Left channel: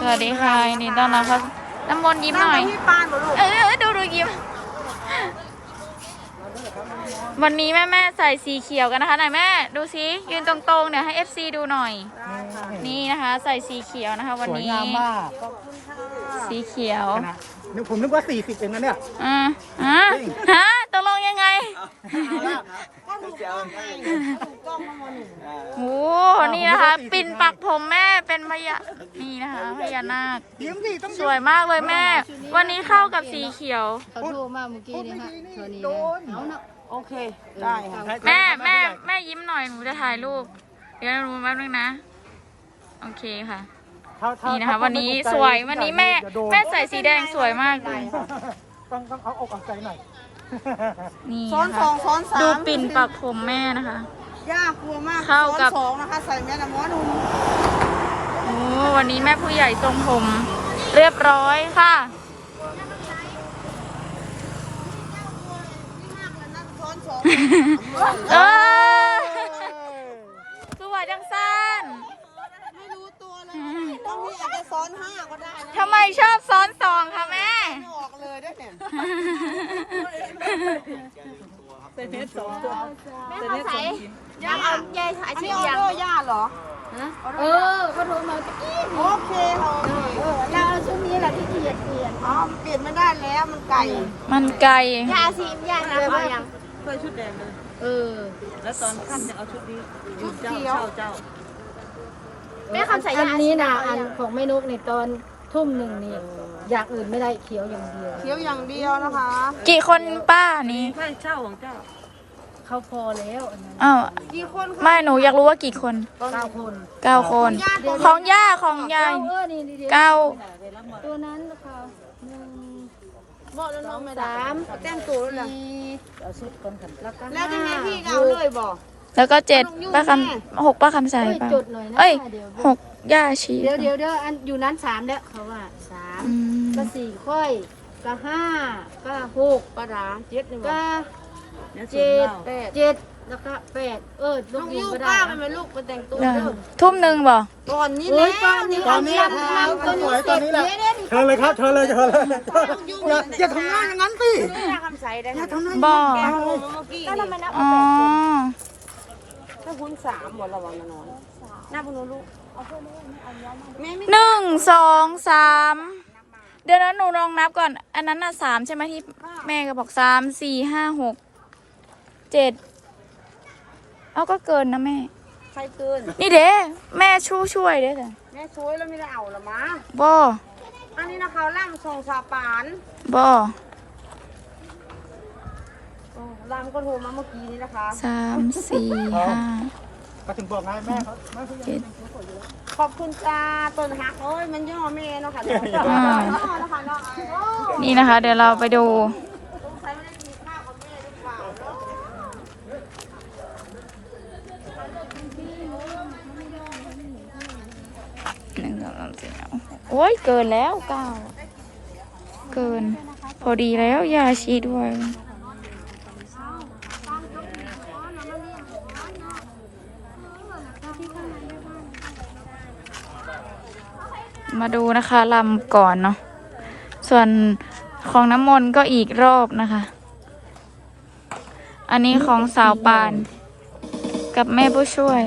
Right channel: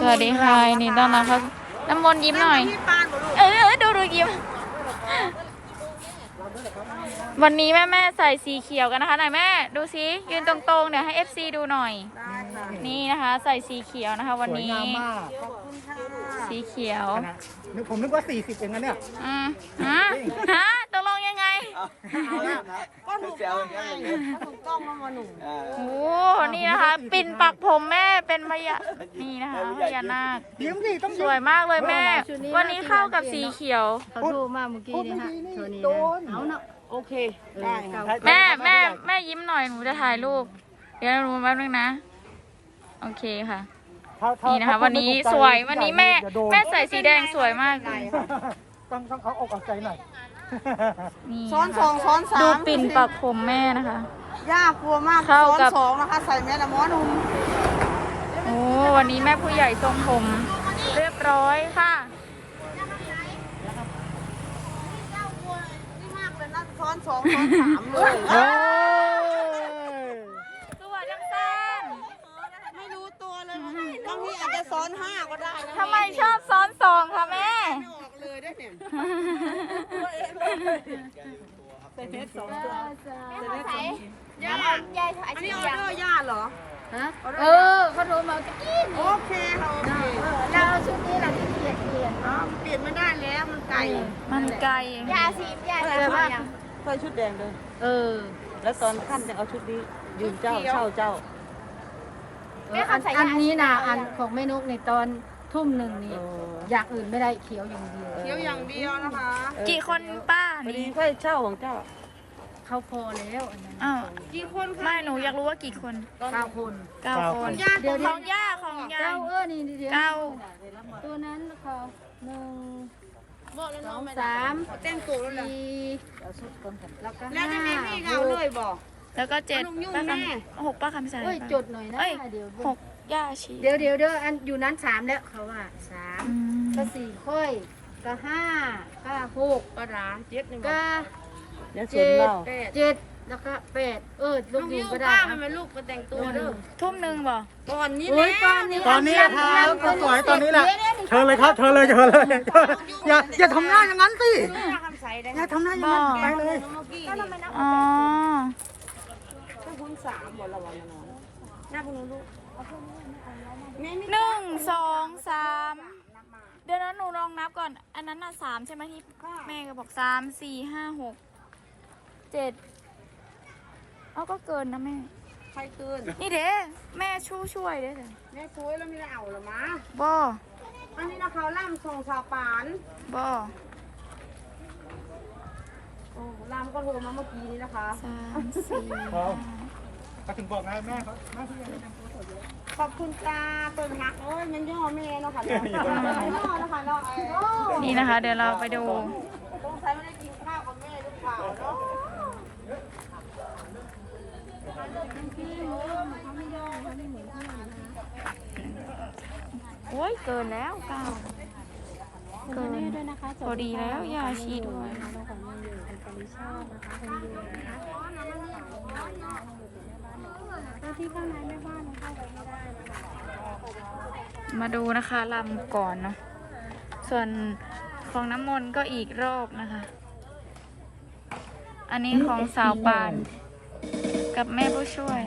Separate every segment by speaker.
Speaker 1: สวัสดีค่ะยินดีต้อนรับเข้าน้ำมนต์ยิ้มหน่อย
Speaker 2: พี่ปานบ่ลูก
Speaker 1: เออเออดูดูยิ้ม วันนี้แม่แม่ๆใส่สีเขียวกันนะคะไหนแม่ ดูสิยืนตรงๆเนี่ยให้ FC ดูหน่อย
Speaker 2: ได้ค่ะ
Speaker 1: นี่นะคะ ใส่สีเขียวนะคะ วันนี้
Speaker 3: สวยงามมาก
Speaker 2: ขอบคุณค่ะ
Speaker 1: สีเขียว
Speaker 3: นะนึกผมนึกว่า 40เองนะเนี่ย
Speaker 1: อ่าฮะฮะ ตกลงยังไง
Speaker 2: ก็ถูกต้องไงก็ถูกต้องแล้วมาหนู
Speaker 1: โอ้นี่นะคะ ปิ่นปักผมแม่เป็นพญานี่นะคะพญานาค
Speaker 3: ยิ้มสิต้อง
Speaker 1: สวยมากเลยแม่ วันนี้เข้ากับสีเขียว
Speaker 4: เขาโทรมาเมื่อกี้นี่ฮะโทรนี้นะเอาเนาะ
Speaker 2: โอเค ได้ค่ะ
Speaker 1: แม่แม่แม่ยิ้มหน่อยหนูจะถ่ายรูป เดี๋ยวหนูแป๊บนึงนะ โอเคค่ะ
Speaker 3: ถ้าถ้า
Speaker 1: นี่นะคะ วันนี้สวยวันนี้แม่ แม่ใส่สีแดงสวยมากเลย
Speaker 3: ต้องต้องเอาอกเอาใจหน่อย
Speaker 1: นี่
Speaker 2: ซ้อน
Speaker 1: นะ
Speaker 2: สอ
Speaker 1: คะ
Speaker 2: งซ้อนสาม
Speaker 1: ดูปิ่นปักผมแม่นะคะ
Speaker 2: ย่ากลัวมาก
Speaker 1: เข้ากับ
Speaker 2: ซ้อนสองนะคะ ใส่แม่ละม้อนุ่ม
Speaker 1: โอ้วันนี้แม่ผู้ใหญ่ทรงผม เรียบร้อยค่ะ
Speaker 2: นี่มากเลยนะซ้อนสอง
Speaker 1: เออสวยจังสัน
Speaker 2: ไม่รู้ตัวเลยบางทีอาจจะซ้อนห้าก็ได้นะ
Speaker 1: ทำไมชอบซ้อนสองคะแม่
Speaker 2: ไม่ออก เลยได้เนี่ยย่าเอายายถ่ายอันนี้ออเดอร์ย่าเหรอ
Speaker 4: ฮะเออเขาโทรมาตะกี้
Speaker 2: โอเคค่ะโอเค
Speaker 4: เออเราเอาชุดนี้เราที่เกียดเปลี่ยน
Speaker 2: อ๋อเปลี่ยนไม่ได้แล้วมันไก่
Speaker 1: มันไกล
Speaker 4: ยาซีมยาแต่ว่า
Speaker 2: เคยชุดเดิมเลย
Speaker 4: เออ
Speaker 2: แล้วตอนค่ำจะเอาชุดนี้ชุดเขียวเจ้า
Speaker 4: เอออันอันนี้นะอันของแม่นุกในตอนทุ่มหนึ่งนี่ อย่างอื่นไม่ได้เขียวอย่างเดียว
Speaker 2: เขียวอย่างเดียวนะคะ
Speaker 1: กี่คนป้านี่
Speaker 2: เคยเช่าของเจ้า
Speaker 4: เขาพอแล้วอันนั้น
Speaker 1: อ้าว
Speaker 2: กี่คนคะ
Speaker 1: ไม่หนูอยากรู้ว่ากี่คน
Speaker 4: เก้าคน
Speaker 1: เก้าคน ของย่าของยาย
Speaker 4: เก้าเออนี่เดียว
Speaker 1: เก้า
Speaker 4: ตัวนั้นนะคะหนึ่ง
Speaker 2: บอกแล้ว
Speaker 4: ส
Speaker 2: น้
Speaker 4: อ
Speaker 2: อง
Speaker 4: ง
Speaker 2: ไม่
Speaker 4: สาม
Speaker 2: แก้มตัวแล้วนะ
Speaker 4: สี่แล้วก็
Speaker 2: แล้วจะ
Speaker 4: ห้า
Speaker 2: ให้พี่
Speaker 4: ห
Speaker 2: เอา
Speaker 4: ก
Speaker 2: เลยบอก
Speaker 1: แล้วก็เจ็ด
Speaker 2: เอาลงยุ่ง
Speaker 1: ป้าค
Speaker 2: แม่ำ
Speaker 1: หกป้าคำใส่
Speaker 4: เอ้ย
Speaker 1: ป่ะ
Speaker 4: จดหน่อยนะ
Speaker 1: เอ้ย
Speaker 4: เดี๋ยว
Speaker 1: หกย่าชี
Speaker 4: เดี๋ยวเดี๋ยวเดี๋ยวอันอยู่นั้นสามแล้วเขาว่าสาม
Speaker 1: อืม
Speaker 4: ก็สี่ค่อยก็ห้าก็หก
Speaker 2: ปลาร้าเจ็ดนี่บอ
Speaker 4: ก็
Speaker 2: แล้ว
Speaker 4: เจ็ด
Speaker 2: แปด
Speaker 4: เจ็ดแล้วก็แปดเออลู
Speaker 2: ลู
Speaker 4: ก
Speaker 2: ก
Speaker 4: ยิ
Speaker 2: ยู
Speaker 4: งก็ได้
Speaker 2: ป้า
Speaker 4: นะ
Speaker 2: มันเป็นลูกไปแต่งตัว
Speaker 1: เออ
Speaker 2: เด้อ
Speaker 1: ทุ่มหนึ่งบ่
Speaker 2: ก่อนนี้
Speaker 4: โอ้ย
Speaker 2: แต
Speaker 4: อนนี้
Speaker 3: ตอนนี้
Speaker 4: ลำลำตัวนี้
Speaker 3: สวย
Speaker 4: เส
Speaker 3: ตอ
Speaker 4: ร็
Speaker 3: น
Speaker 4: จ
Speaker 3: นี้แหละ
Speaker 4: เดี๋ยวเดี๋ยว
Speaker 3: เชิญเลยครับเชิญเลยเชิญเลยอย่าอย่าทำหน้าอย่างนั้นสิ
Speaker 2: คำใสได้
Speaker 3: อย่าทำหน้าอย่าง
Speaker 1: บ่
Speaker 3: นั้นไปเลย
Speaker 2: เมื่อกี้
Speaker 1: อ๋อ
Speaker 2: ถ้าคุณสามหมดระวังน้องหน้าคุณลูกแม่ไม่
Speaker 1: หนึ่งสองสาม เดี๋ยวนั้นหนูลองนับก่อน อันนั้นน่ะสามใช่ไหมที่แม่ก็บอกสามสี่ห้าหกเจ็ดเอาก็เกินนะแม่
Speaker 2: ใครเกิน
Speaker 1: นี่เด้แม่ช่วยช่วยเด้จ้ะ
Speaker 2: แม่ช่วยแล้วไม่ได้เอาหรอมั้ง
Speaker 1: บ่
Speaker 2: อันนี้นะเขาล่ำทรงชาปาน
Speaker 1: บ่
Speaker 2: เออลำก็โทรมาเมื่อกี้นี้นะคะ
Speaker 1: สามสี่ห้า
Speaker 3: ก็ถึงบอกไงแม่เขาแม่เขายังแต่งตัวสวยอยู่แล้ว
Speaker 2: ขอบคุณจ้าต้นหักโอ้ยมันย่อแม่เนาะค่ะเนาะ
Speaker 1: อ่า
Speaker 2: ย่อเนาะคะเนาะโอ้
Speaker 1: นี่นะคะ เดี๋ยวเราไปดู
Speaker 2: สงสัยไม่ได้กินข้าวกับแม่หรือเปล่าเนาะ
Speaker 1: หนึ่งสองสามสี่ห้าหกโอ้ยเกินแล้วเก้าเกิน พอดีแล้วยาชีด้วย มาดูนะคะลำก่อนเนาะส่วนของน้ำมนต์ก็อีกรอบนะคะ อันนี้ของสาวปาน กับแม่ผู้ช่วย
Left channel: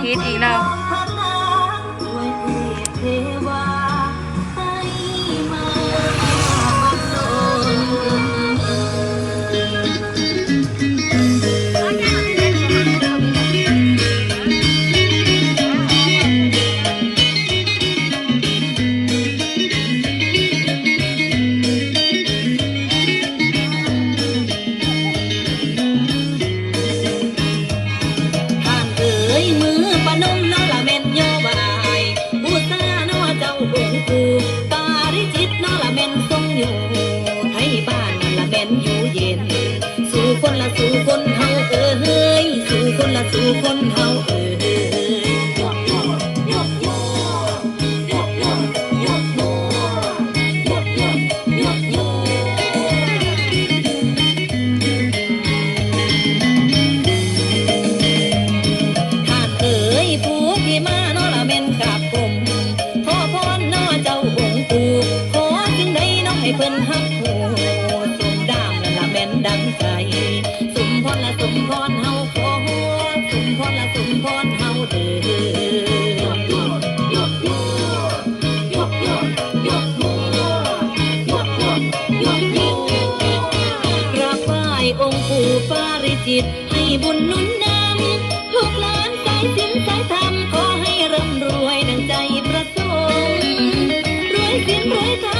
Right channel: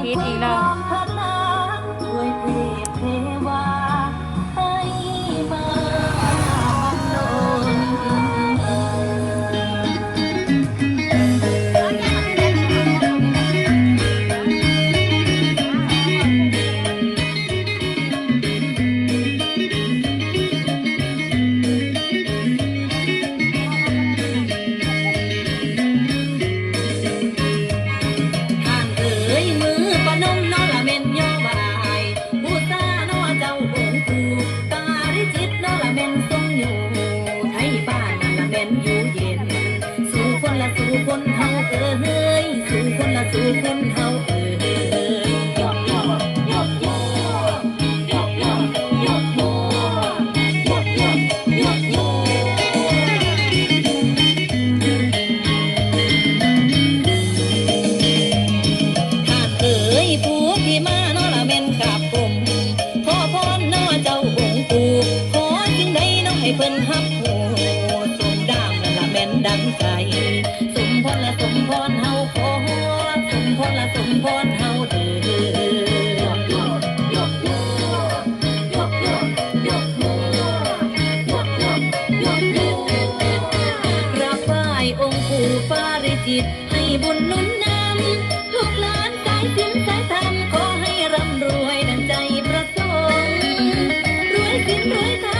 Speaker 5: พิ
Speaker 1: ษอีกแล้ว
Speaker 5: ละสู่คนเฮาเอ้ยสู่คนละสู่คนเฮาเอ้ ปู่ปาริจิต ให้บุญนุนนำลูกหลานสายสินสายธรรมขอให้ร่ำรวยดังใจประสงค์รวยสินรวยธรรม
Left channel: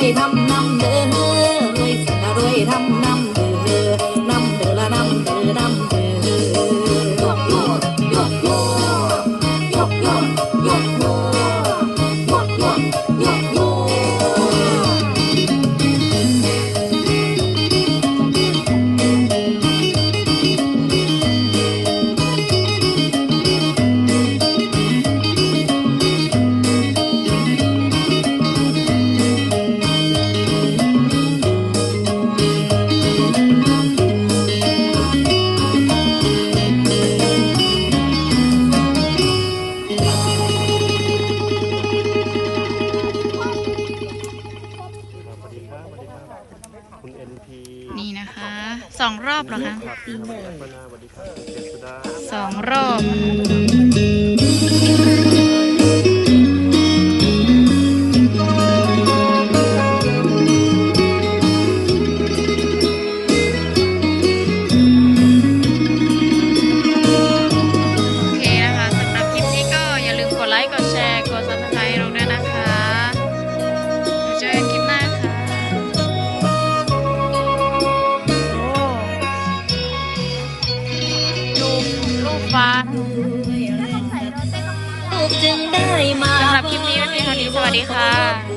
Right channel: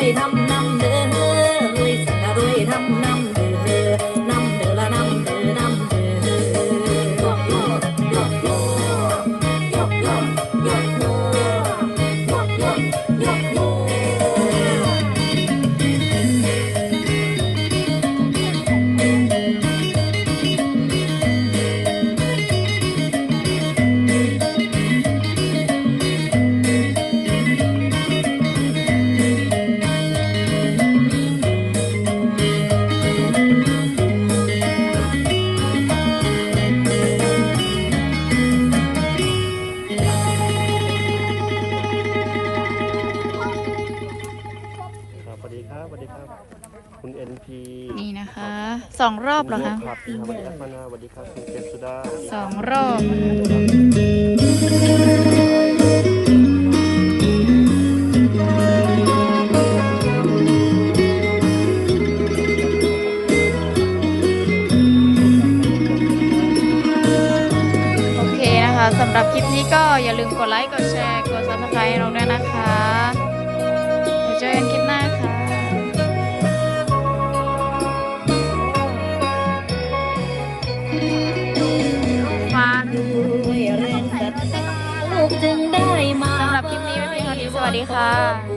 Speaker 5: อยทำ สองรอ
Speaker 3: บเห
Speaker 1: รอคะ
Speaker 3: ส
Speaker 1: องรอบกดไลค์ กดแชร์ กดซับสไครต์เราด้วยนะคะ เดี๋วเจอกันคลิป สวัสดีค่ะ